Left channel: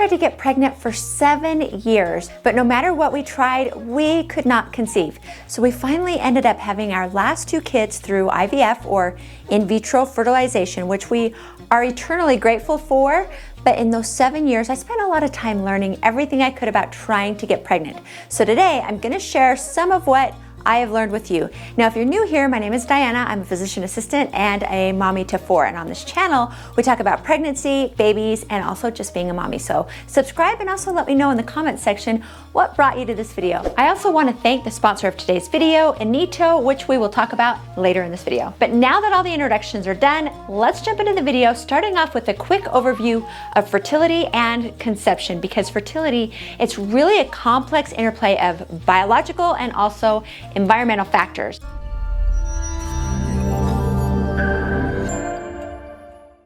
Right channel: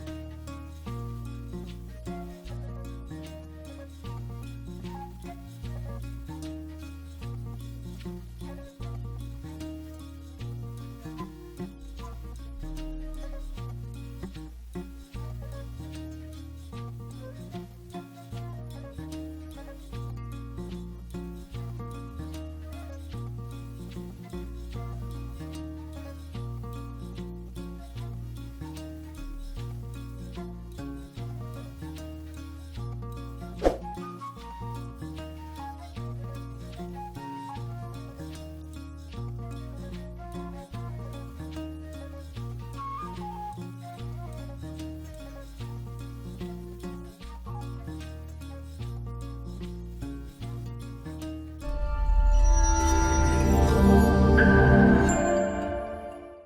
tried to get pregnant for 7 years, but no matter what we tried, we could not conceive. So we finally ended up having our last 2 kids through IVF, or in vitro fertilization, which we are eternally grateful for. But in those 7 years, I spent a lot of time learning everything I could about trying to get pregnant. So today, I'm gonna share some of what I have learned with you. Now, if you're new here, my name is Diana. I'm a physician assistant and a mommy to 4. And on this channel, we talk about pregnancy, babies, and also just being a mommy. So subscribe and also let me know in the comments section what brought you to this video. I also want to thank the sponsor of today's video, Inito, which we will talk about later in this video. But now that all the introductions are done, let's jump into the video, starting off with a quick overview of fertility and conception, because fertility, it's really a complex interplay of biological and also environmental factors.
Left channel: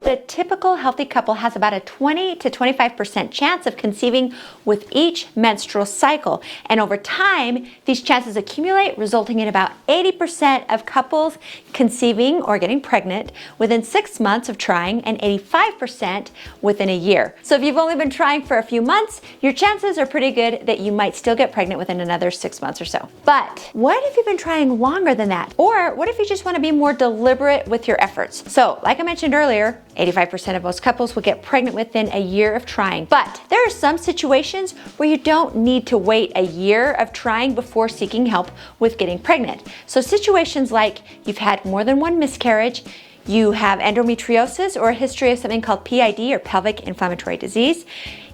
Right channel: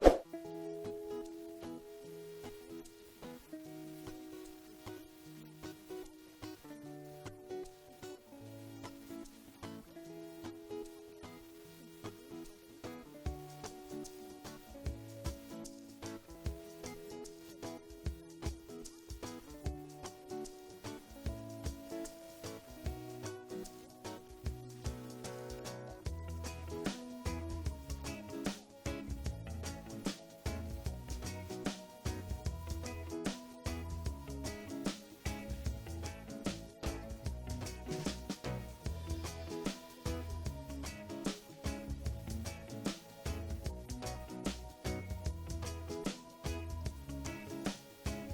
The typical healthy couple has about a 20 to 25% chance of conceiving with each menstrual cycle. And over time, these chances accumulate, resulting in about 80% of couples conceiving or getting pregnant within 6 months of trying, and 85% within a year. So if you've only been trying for a few months, your chances are pretty good that you might still get pregnant within another 6 months or so. But what if you've been trying longer than that? Or what if you just want to be more deliberate with your efforts? So like I mentioned earlier, 85% of most couples will get pregnant within a year of trying. But there are some situations where you don't need to wait a year of trying before seeking help with getting pregnant. So situations like you've had more than 1 miscarriage, you have endometriosis or a history of something called PID or pelvic inflammatory disease,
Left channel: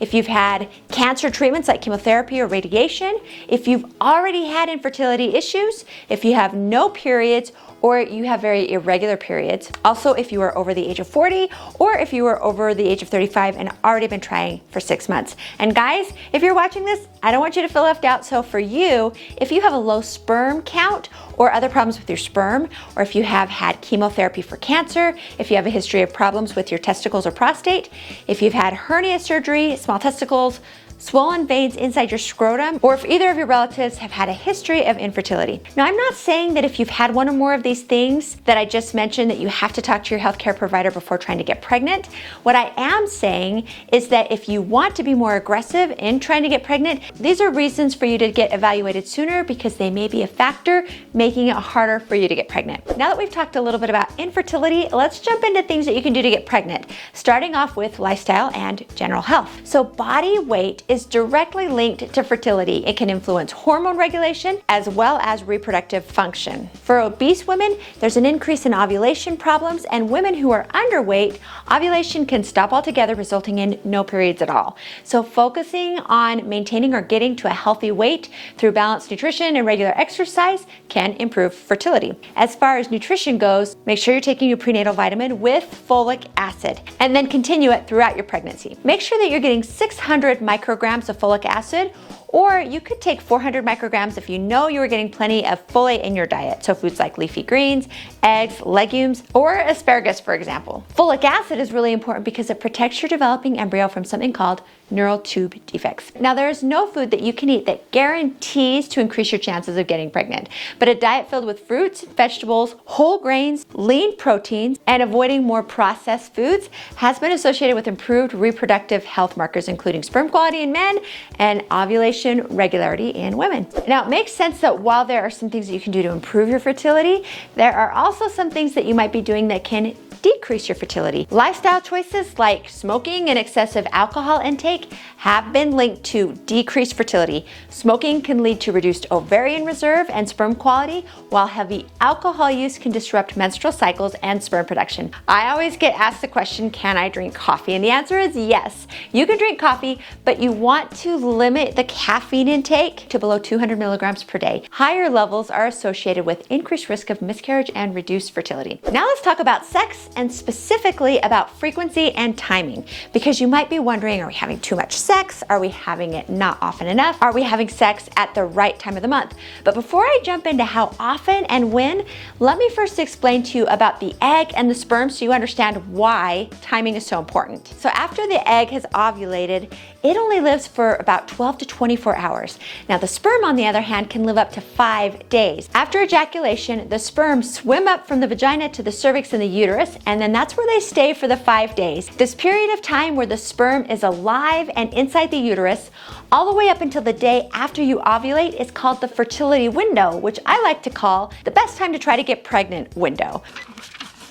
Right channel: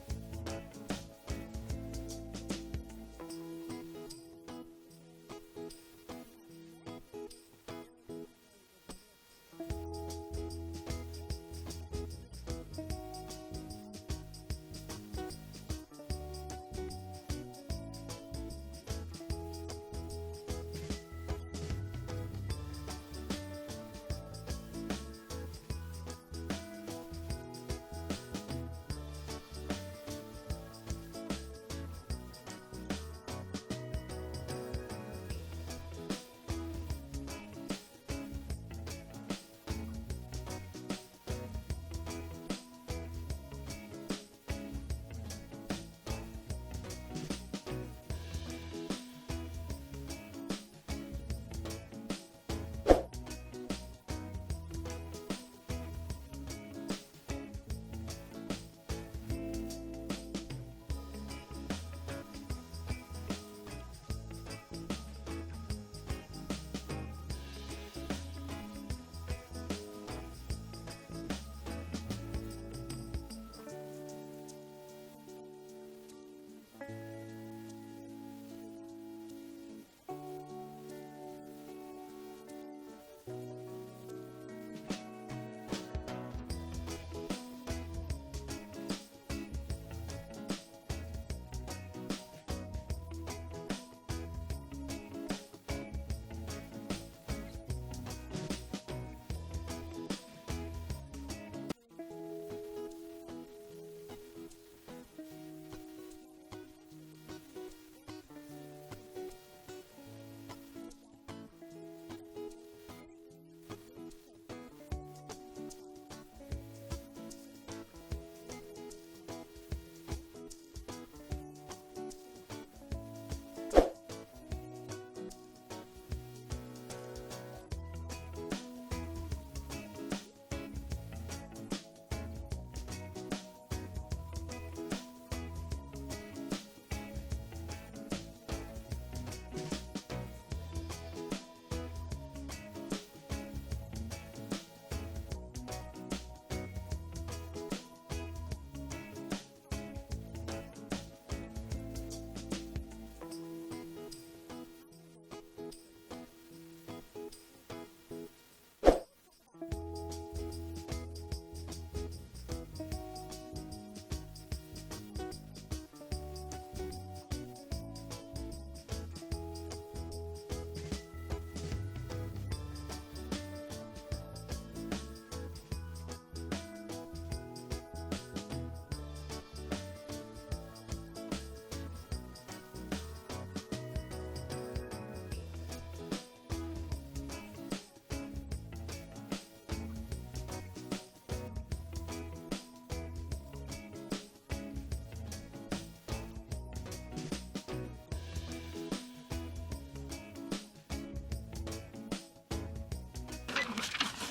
if you've had cancer treatments like chemotherapy or radiation, if you've already had infertility issues, if you have no periods, or you have very irregular periods. Also, if you are over the age of 40, or if you are over the age of 35 and already been trying for 6 months. And guys, if you're watching this, I don't want you to feel left out. So for you, if you have a low sperm count or other problems with your sperm, or if you have had chemotherapy for cancer, if you have a history of problems with your testicles or prostate, if you've had hernia surgery, small testicles, swollen veins inside your scrotum, or if either of your relatives have had a history of infertility. Now, I'm not saying that if you've had one or more of these things that I just mentioned that you have to talk to your healthcare provider before trying to get pregnant. What I am saying is that if you want to be more aggressive in trying to get pregnant, these are reasons for you to get evaluated sooner, because they may be a factor making it harder for you to get pregnant. Now that we've talked a little bit about infertility, let's jump into things that you can do to get pregnant, starting off with lifestyle and general health. So body weight is directly linked to fertility. It can influence hormone regulation as well as reproductive function. For obese women, there's an increase in ovulation problems, and women who are underweight, ovulation can stop altogether, resulting in no periods at all. So focusing on maintaining or getting to a healthy weight through balanced nutrition and regular exercise can improve fertility. As far as nutrition goes, make sure you're taking your prenatal vitamin with folic acid, and then continue it throughout your pregnancy. Make sure that you're getting 600 micrograms of folic acid, or you could take 400 micrograms if you know you are getting plenty of folate in your diet. So foods like leafy greens, eggs, legumes, or asparagus, for example. Folic acid is really important because it protects your developing embryo from something called neural tube defects. Now, there is no food that you can eat that guarantees to increase your chances of getting pregnant, but a diet filled with fruits, vegetables, whole grains, lean proteins, and avoiding more processed foods has been associated with improved reproductive health markers, including sperm quality in men and ovulation regularity in women. Now, it makes sense that while there are some things that you can do to improve your fertility, there are also some things that you might be doing that can decrease your fertility. Lifestyle choices like smoking and excessive alcohol intake have been linked to decreased fertility. Smoking can lead to reduced ovarian reserve and sperm quality, while heavy alcohol use can disrupt menstrual cycles and sperm production. I always get asked the question, can I drink coffee? And the answer is yes. You can drink coffee, but you want to limit the caffeine intake to below 200 milligrams per day. Higher levels are associated with increased risk of miscarriage and reduced fertility. Now let's talk about sex, and specifically about frequency and timing, because you might be wondering, are we having too much sex? Are we having it not often enough? Are we having sex at the right time of the month? But before I jump into how often and when, let me first explain to you about the egg and the sperm so you understand why timing is so important. So after the egg has ovulated, it only lives for about 12 to 24 hours. Now the sperm, on the other hand, can live up to 5 days. After ejaculation, the sperm swim up from the vagina to the cervix and the uterus, and then that's where they stay for the 5 days. This period of time where the sperm is alive and inside the uterus, all the way up until the day after you ovulate, is called the fertility window, which I like to call the best time to try to get pregnant window.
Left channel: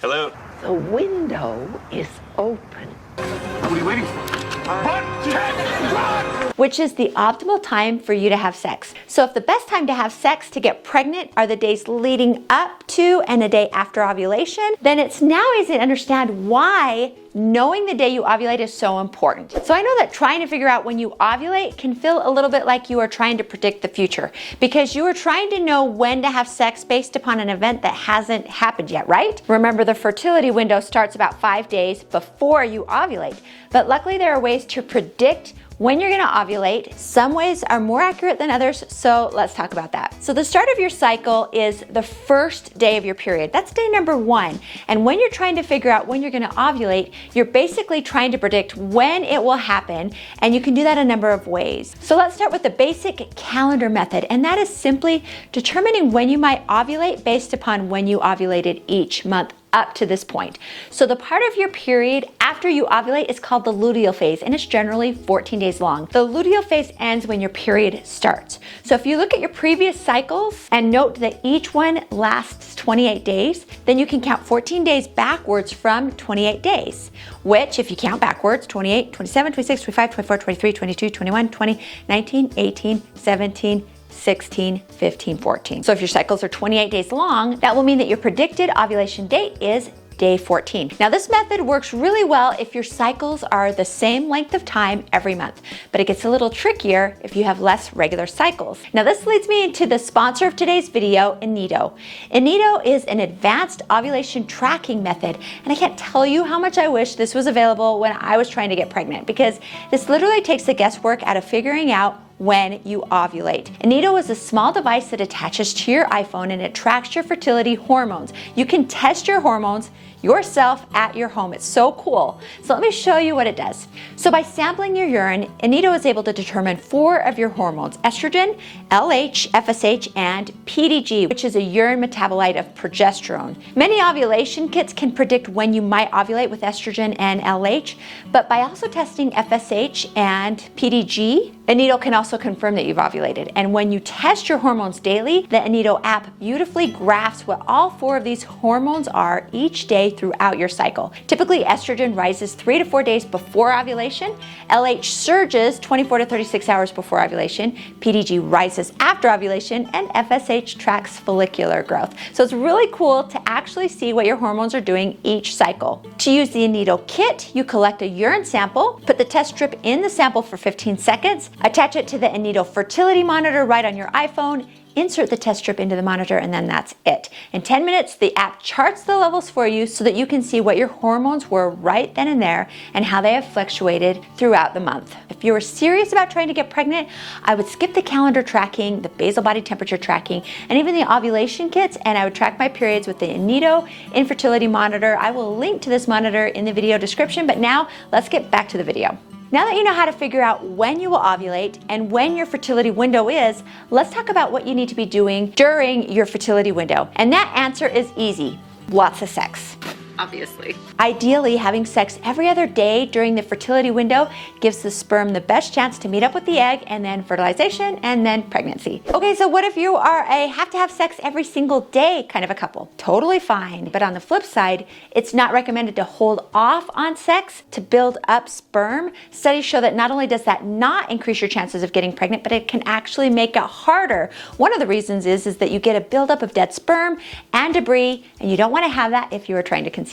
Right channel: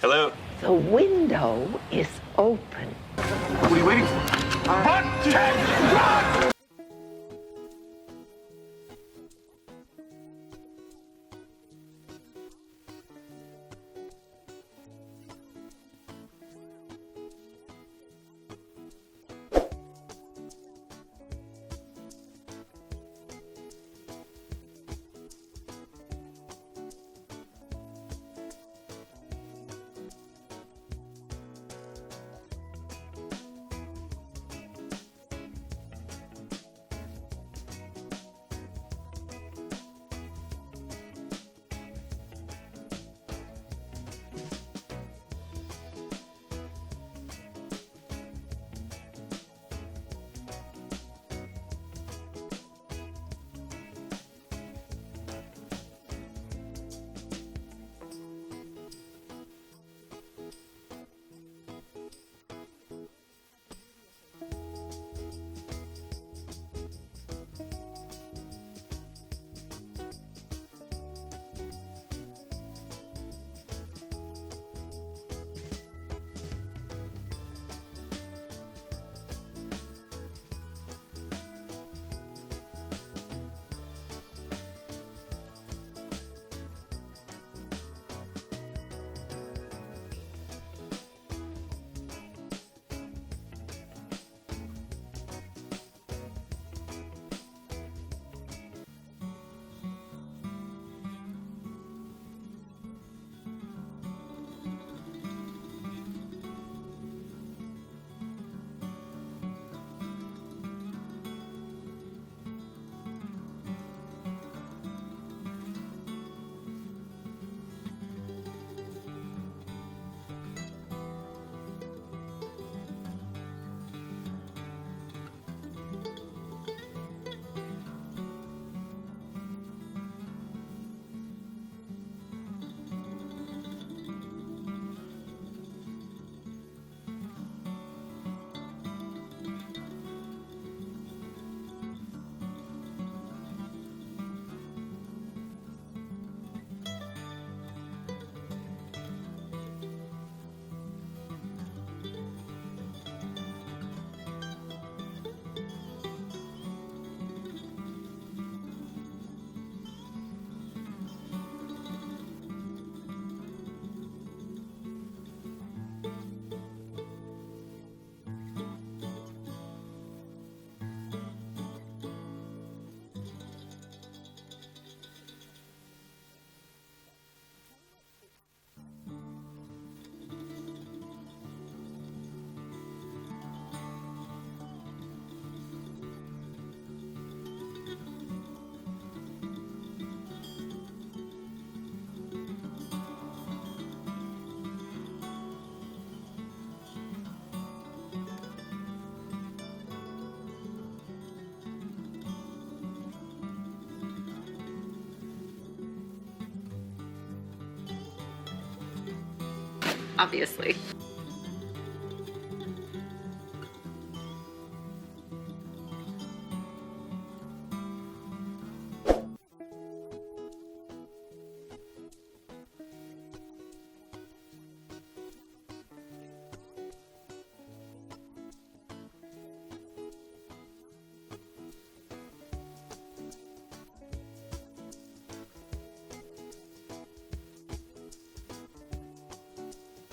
Hello? The window is open. What are you waiting for? Run, Ted, run! Which is the optimal time for you to have sex. So if the best time to have sex to get pregnant are the days leading up to and a day after ovulation, then it's now easy to understand why knowing the day you ovulate is so important. So I know that trying to figure out when you ovulate can feel a little bit like you are trying to predict the future, because you are trying to know when to have sex based upon an event that hasn't happened yet, right? Remember, the fertility window starts about 5 days before you ovulate. But luckily there are ways to predict when you're gonna ovulate. Some ways are more accurate than others, so let's talk about that. So the start of your cycle is the first day of your period. That's day number 1. And when you're trying to figure out when you're gonna ovulate, you're basically trying to predict when it will happen, and you can do that a number of ways. So let's start with the basic calendar method, and that is simply determining when you might ovulate based upon when you ovulated each month up to this point. So the part of your period after you ovulate is called the luteal phase, and it's generally 14 days long. The luteal phase ends when your period starts. So if you look at your previous cycles and note that each one lasts 28 days, then you can count 14 days backwards from 28 days, which if you count backwards, 28, 27, 26, 25, 24, 23, 22, 21, 20, 19, 18, 17, 16, 15, 14. So if your cycles are 28 days long, that will mean that your predicted ovulation date is day 14. Now this method works really well if your cycles are the same length of time every month, but it gets a little trickier if you have less regular cycles. Now this leads me into the sponsor of today's video, Inito. Inito is an advanced ovulation tracking method, and I can't tell you how much I wish this was available when I was trying to get pregnant, because this literally takes the guesswork out of figuring out when you ovulate. Inito is a small device that attaches to your iPhone, and it tracks your fertility hormones. You can test your hormones yourself at your home. It's so cool. So let me show you what it does. So by sampling your urine, Inito is able to determine 4 of your hormones: estrogen, LH, FSH, and PDG, which is a urine metabolite of progesterone. Many ovulation kits can predict when you might ovulate with estrogen and LH, but by also testing FSH and PDG, Inito can also confirm that you've ovulated. And when you test your hormones daily, the Inito app beautifully graphs what all 4 of these hormones are each day throughout your cycle. Typically, estrogen rises 3 to 4 days before ovulation, LH surges 24 to 36 hours before ovulation, PDG rises after ovulation, and FSH tracks follicular growth. So it's really cool to actually see what your hormones are doing each cycle. To use the Inito kit, you collect a urine sample, put the test strip in the sample for 15 seconds, attach it to the Inito fertility monitor right on your iPhone, insert the test strip into the monitor, and then that's it. In 10 minutes, the app charts the levels for you so that you can see what your hormones were right then and there and how they have fluctuated throughout the month. If you were serious about trying to get pregnant, I would skip the calendar tracking, the basal body temperature tracking, and even the ovulation kits, and I would track my periods with the Inito infertility monitor. I will link to this monitor in the video description, but now let's get back to the video. Now that you know how to figure out when you will ovulate and when your fertility window is, let's talk about what you need to be doing during your fertility window. And that answer is easy: lots of sex. Obviously. Ideally, having sex every other day during the fertility window gives the sperm the best chance to meet up with the egg, and then fertilization, and then pregnancy. Okay, so what if you are a have to have sex every single day kind of a couple? Totally fine. But on the flip side, it's not recommended to hold off on sex to build up sperm. Studies show that not only does that not increase your chances of getting pregnant, but it can actually make it harder. One of the reasons is that you get a buildup of dead sperm and debris, and you don't want to have that if you are trying to conceive.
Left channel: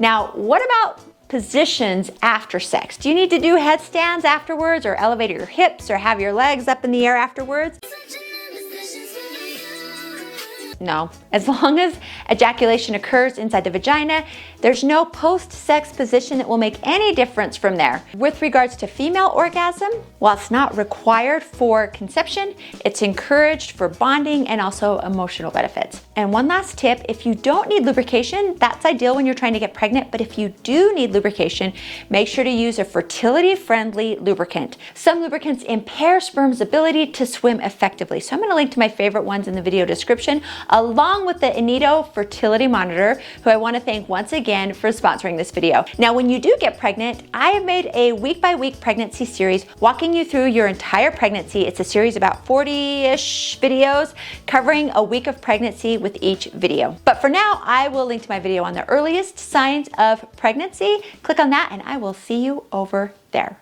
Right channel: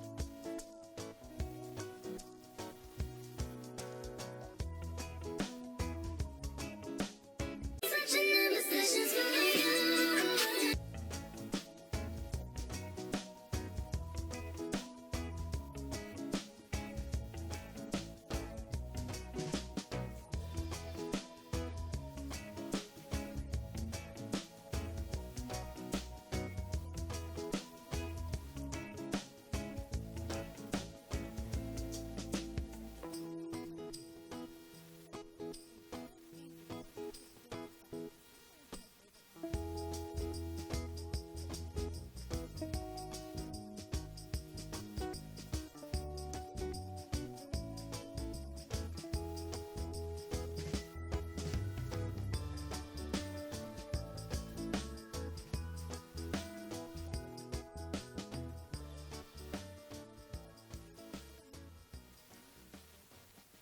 Now, what about positions after sex? Do you need to do headstands afterwards, or elevate your hips, or have your legs up in the air afterwards? No. As long as ejaculation occurs inside the vagina, there's no post-sex position that will make any difference from there. With regards to female orgasm, while it's not required for conception, it's encouraged for bonding and also emotional benefits. And one last tip, if you don't need lubrication, that's ideal when you're trying to get pregnant, but if you do need lubrication, make sure to use a fertility-friendly lubricant. Some lubricants impair sperm's ability to swim effectively, so I'm going to link to my favorite ones in the video description, along with the Inito fertility monitor, who I want to thank once again for sponsoring this video. Now, when you do get pregnant, I have made a week-by-week pregnancy series walking you through your entire pregnancy. It's a series about 40-ish videos covering a week of pregnancy with each video. But for now, I will link to my video on the earliest signs of pregnancy. Click on that and I will see you over there.